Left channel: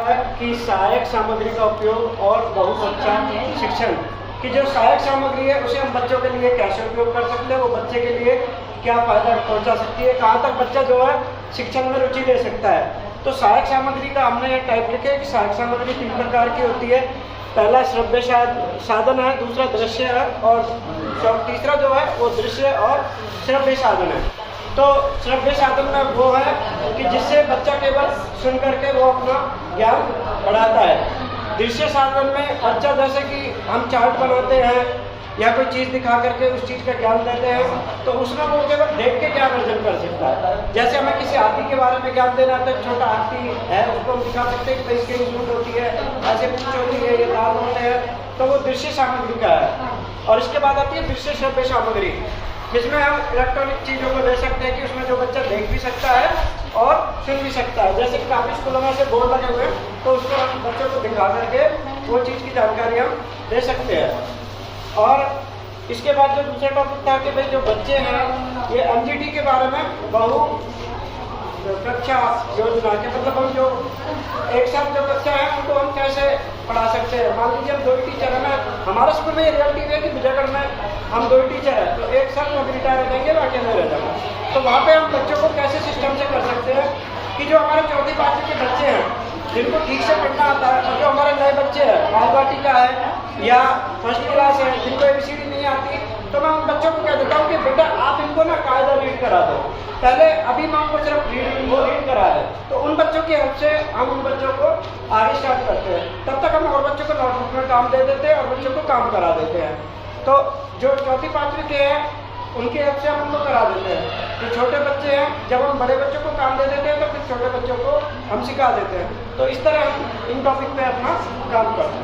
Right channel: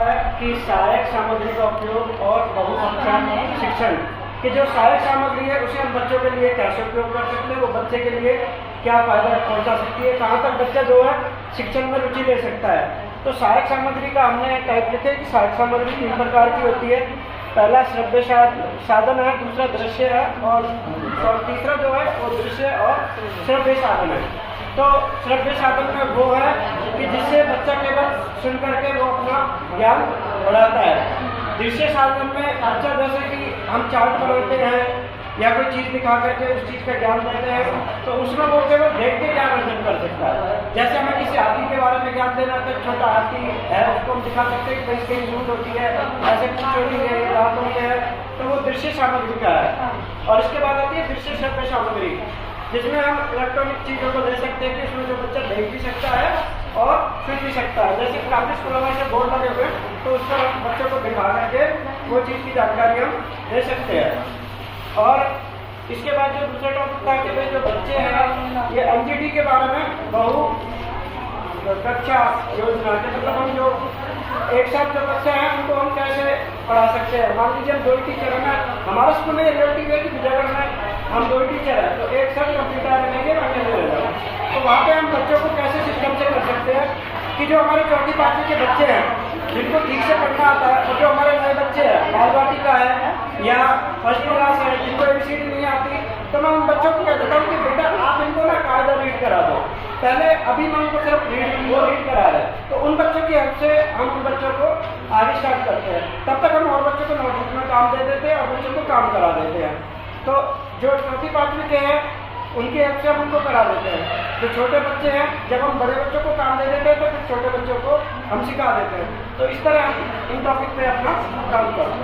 है कि सहायक सामग्री का उपयोग और बहुत अच्छा शिक्षण कि जो सहायक सामग्री है उसे हम बच्चों के लिए कैसे उपयोग कर सकते हैं, वो बच्चे के लिए क्या फ़ायदा पहुंचा सकती है, कहाँ तक बच्चा जो है शिक्षण में रुचि ले सकता है। तो सहायक सामग्री का हमने यह टाइप लिखे कि सहायक सामग्री 3 प्रकार की होती है। पहला श्रव्य साधन है, दूसरा दृश्य है और तीसरा जो है वो दृश्य और श्रव्य साधन है। तो श्रव्य साधन में वो है कि जिससे बच्चा केवल सुन करके वो अपना ज्ञान बढ़ाता है। दृश्य साधन में बच्चा जैसे कि हम चार्ट बनाते हैं या कोई चीज़ दिखा करके उस चीज़ का ज्ञान देते हैं, तो उसमें वो केवल देख के ज्ञान अर्जन कर सकता है। जैसे हमें किसी हाथी के बारे में ज्ञान देना है, तो छोटा हाथी है उसको हम दिखा सकते हैं कि भाई इसकी सूंड होती है, ऐसे पूंछ होती है, ये दांत होते हैं, तो वो दृश्य सामग्री का है। और इसके बाद आती है दृश्य श्रव्य सामग्री, जिसमें हम इलेक्ट्रॉनिक चीज़ों को ले सकते हैं कि उसमें जो बच्चा देख भी सकता है और सुन भी सकता है। जैसे कि काफ़ी स्कूलों में से बोर्ड लगे हुए हैं, तो उस पर हम बच्चों को दिखा करके वो चीज़ की जानकारी हम दे सकते हैं। और इसके बाद जो दूसरा टॉपिक था कि भाई जो बच्चे हैं ये एनजीटी के बारे में बहु कक्षा योजना के मतलब हम जो एक साथ जो बच्चे हैं उनको हम कैसे पढ़ा सकते हैं। मान लीजिए हम 2 ही टीचर हैं, हमारे स्कूल में ये रियलिटी है कि विजयगढ़ में हम 2 ही टीचर हैं, तो एक साथ कंप्लीट रहेंगे बाकी अकेले रह जाना। तो वहाँ पे हम बच्चों को कैसे सिस्टम से कर सकते हैं कि जो हमारे 4ठी 5वीं के बच्चे हैं जिनको ठीक से पढ़ना आता है, और जो हमारे नए बच्चे हैं बाल वाटिका है या फर्स्ट क्लास है जिनको ABCD नहीं आती, तो मैं उन बच्चों को कह देता हूँ कि बेटा आप इनको ना कायदा रीड करा दो। पहले अभी मैं उनको सिर्फ रीड करा रहे, तो उन बच्चों की हेल्प से हम उन बच्चों को आगे स्टार्ट करते हैं। तब तक हम और बच्चों को नोटबुक में काम दे देते हैं और बच्चों को काम करा देते हैं। तो जो 4ठी 5वीं के हैं उनकी हेल्प से हम उनको करा देते हैं। जो छोटे बच्चे हैं जब हम बड़े बच्चों को काम दे देते हैं तो फिर छोटे बच्चों को हम सिखा देते हैं। तो इस तरह हम इन टॉपिक पे अपना